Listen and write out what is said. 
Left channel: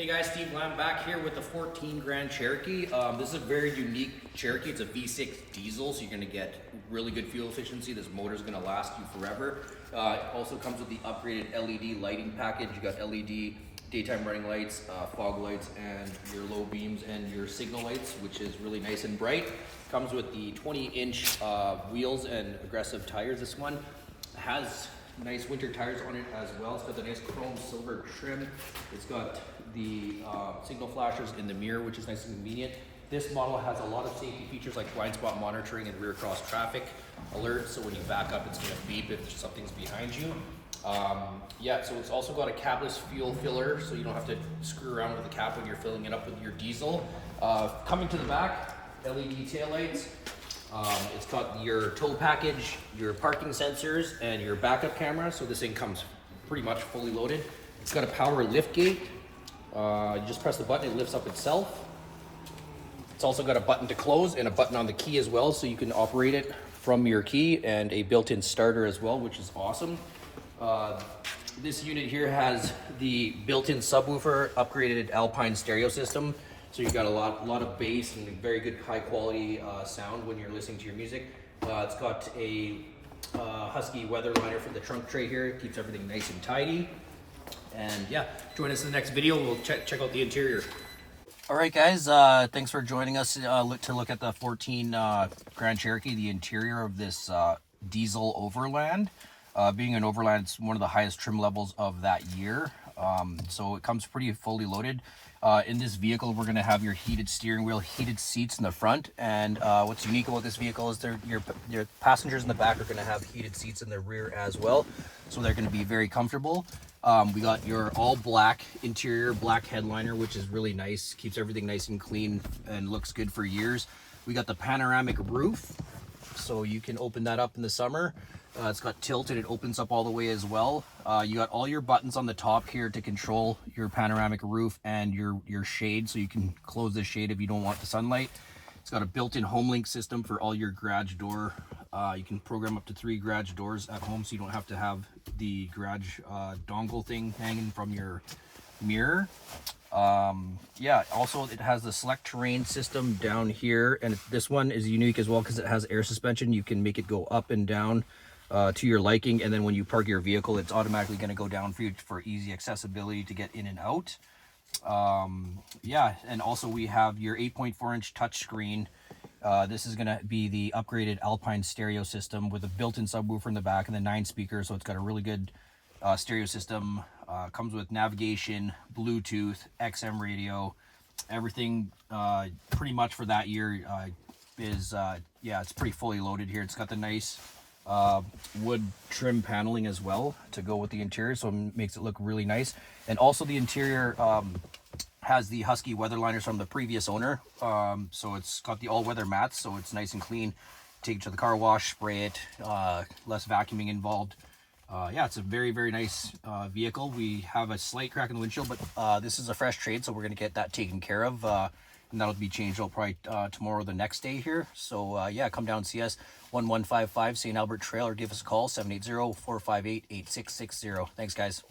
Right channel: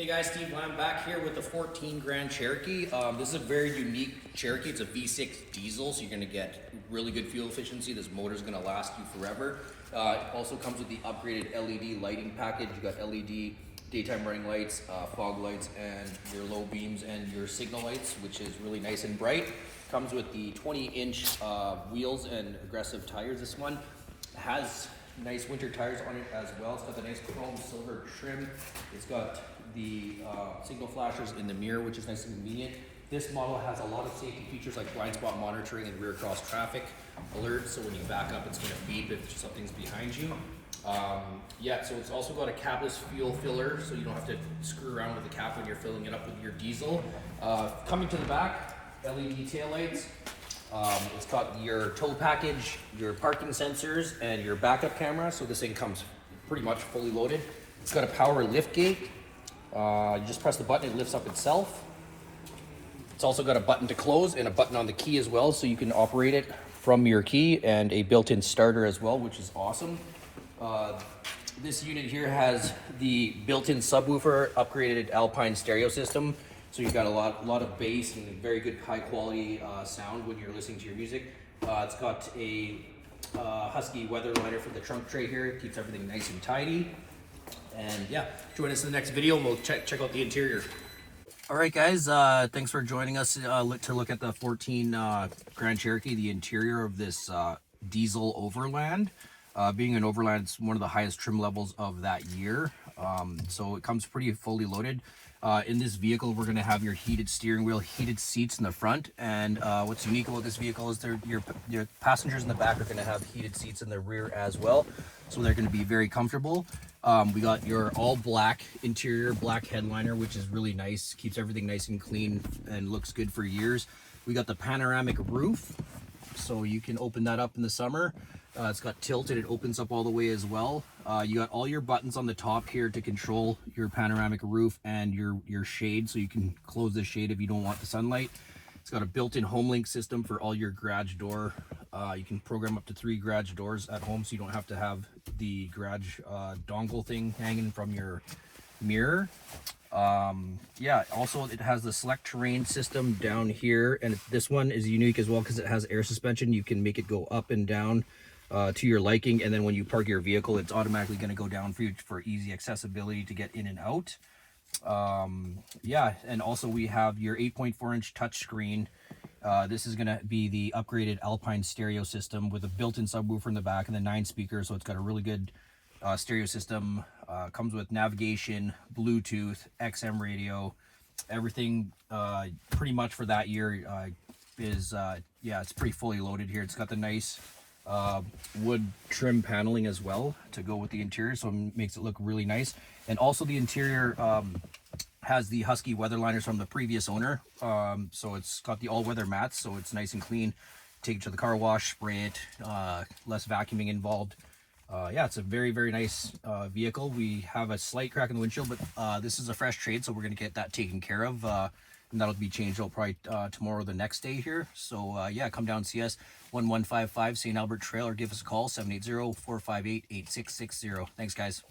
Hey guys, Steve Lamb back here with the 14 Grand Cherokee. This is a very unique Cherokee. It's a V6 diesel, so you're going to get really good fuel efficiency. This motor is going to last you forever. It also comes with the upgraded LED lighting package. You got LED daytime running lights, fog lights, and your low beams and your signal lights, which is really nice and bright. Comes with the 20-inch wheels and aggressive tires. This one has nice winter tires on it as well. It's got the nice chrome silver trim. It's got the signal flashers in the mirror, which is nice and convenient. This model has a lot of safety features like blind spot monitoring and rear cross traffic alerts. So when you back up, it's going to beep if something's behind you. Yeah, so it's also got a capless fuel filler, so you don't have to screw around with the cap when you're filling it up with your diesel. Coming to the back, LED taillights. It's got your tow package, your parking sensors, and your backup camera. So this thing comes pretty much fully loaded. It's got a power lift gate. Just press the button, it lifts up itself. It's also got a button to close and a button on the key as well, so you can operate it from your key, and a built-in starter as well, which is awesome. This unit here has the built-in subwoofer, upgraded Alpine stereo system. So you've got a lot of bass and very good high quality sound when you're listening to your music. It's got a husky weather liner for the trunk tray here. It keeps everything nice and tidy. And yeah, join us in the next video. We'll check out the interior. All right, guys, thanks for joining us to look at the 14 Grand Cherokee, the interior of this diesel Overland. Being an Overland, it's one of the highest trim levels of that year. So it comes pretty fully loaded. In this vehicle, we're going to have your heated steering wheel, heated seats in the front, and what's unique about this vehicle is your passengers in the back are going to have heated seats in the rear as well, so they're going to be very comfortable. We got your all black interior, black headliner, which is really nice, keeps everything nice and clean and looks good for years. We got the panoramic roof, so you can open that up in the summer. It's got tilt and it opens up all the way as well. You got all your buttons on the top here to control your panoramic roof and your shade, so you can close the shade if you don't want the sunlight. It's got a built-in home link system for all your garage door. You can program up to 3 garage doors at home, so you don't have to have the garage dongle thing hanging from your mirror. Yeah, also it has the select terrain system down here, and this one is unique as well because it has air suspension. You can make it go up and down to your liking, and then when you park your vehicle, it's automatically going to go down for you for easy accessibility to get in and out. Yeah, and also we have your 8.4-inch touchscreen. This is going to be the upgraded Alpine stereo system with a built-in subwoofer in the back and the 9 speakers, so it's got a really good stereo system. Comes with navigation, Bluetooth, XM radio, everything pretty much for that year is yeah, it's pretty fully loaded here. It's got the nice wood trim paneling as well to go with the interior, so it makes it look really nice. And also the interior has the husky weather liners from the previous owner, so it's got the all-weather mats, so it's nice and clean. Take it to the car wash, spray it, less vacuuming involved. Yeah, it's a very nice vehicle. We have a slight crack in the windshield, but this is a fresh trade, so we're going to get that taken care of, and that'll be changed probably tomorrow or the next day here. So yeah, come down and see us, 1155 St. Albert Trail, or give us a call, 780-458-8660. Thanks, guys.